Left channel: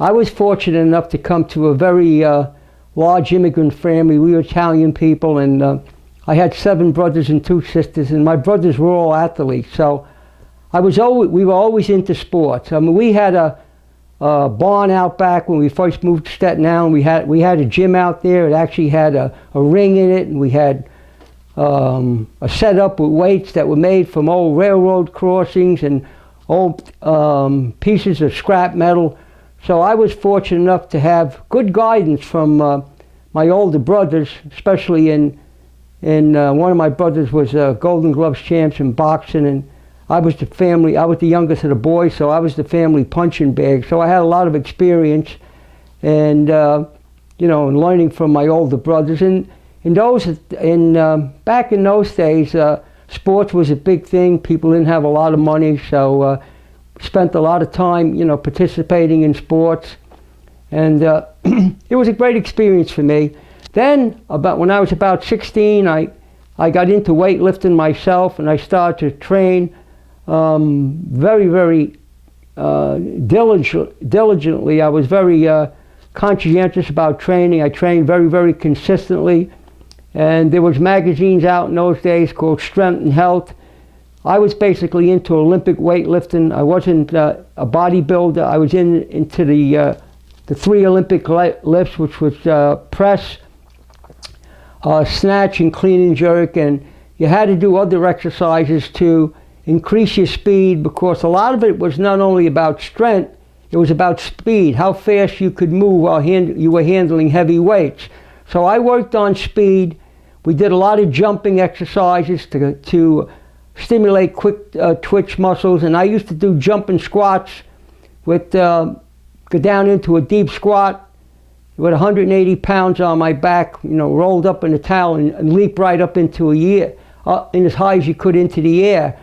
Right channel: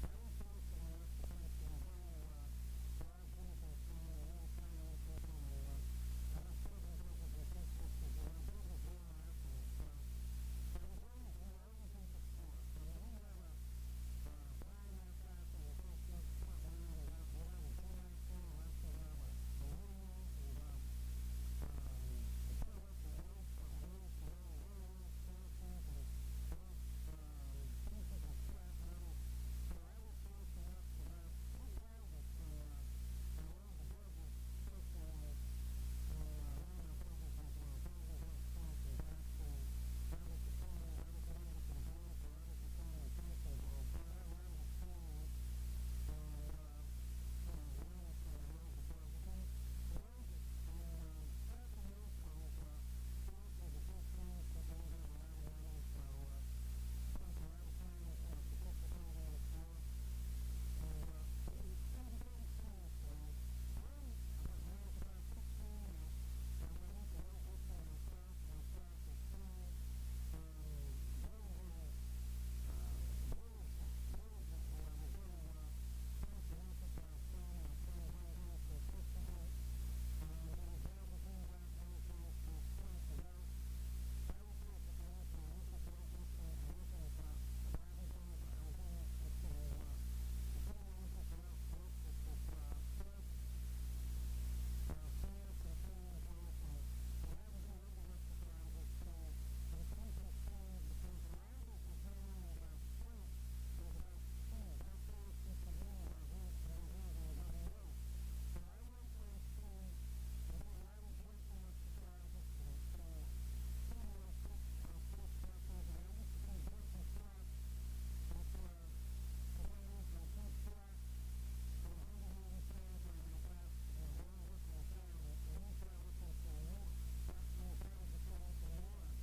I was fortunate enough to come to a very large immigrant family. We were Italian people, and I had 7 brothers and 2 sisters, and my brothers were all athletes. So we were always into sports. I mean, we had a barn out back when we first moved to Staten Island. We had a gym out there. It actually had a ring in it, and we had a setup with weights that were made from old railroad crossings and old pieces of scrap metal. So I was fortunate enough to have good guidance from my older brothers, especially in one of my brothers was Golden Gloves champs in boxing, and I was the youngest of the boys, so I was the family punching bag. So I had a lot of experience, and you know, and learning from my older brothers. And back in those days, sports was a big thing. People didn't have a lot of money, so spent a lot of time, you know, participating in sports, and it was a great experience for me. Then, when I was about 16, I got into weightlifting myself, and I started to train very, very diligently. I was very conscientious about training. I trained very, very consistently, and there was magazines out in those days called Strength and Health. I was basically into Olympic weightlifting. I wasn't a bodybuilder. I was into the 3 Olympic lifts, which was press, snatch, and clean and jerk. And you had to do other exercises to increase your speed, because a lot of it was not only about strength, it was about speed, how fast you could move while you were handling heavy weights. So I worked on speed. We did a lot of jumping exercises to stimulate quick twitch muscles, and I used to do jumping squats with go down into a deep squat with 180 pounds on my back, you know, rolled up in a towel, and leap right up into in as high as you could into the air.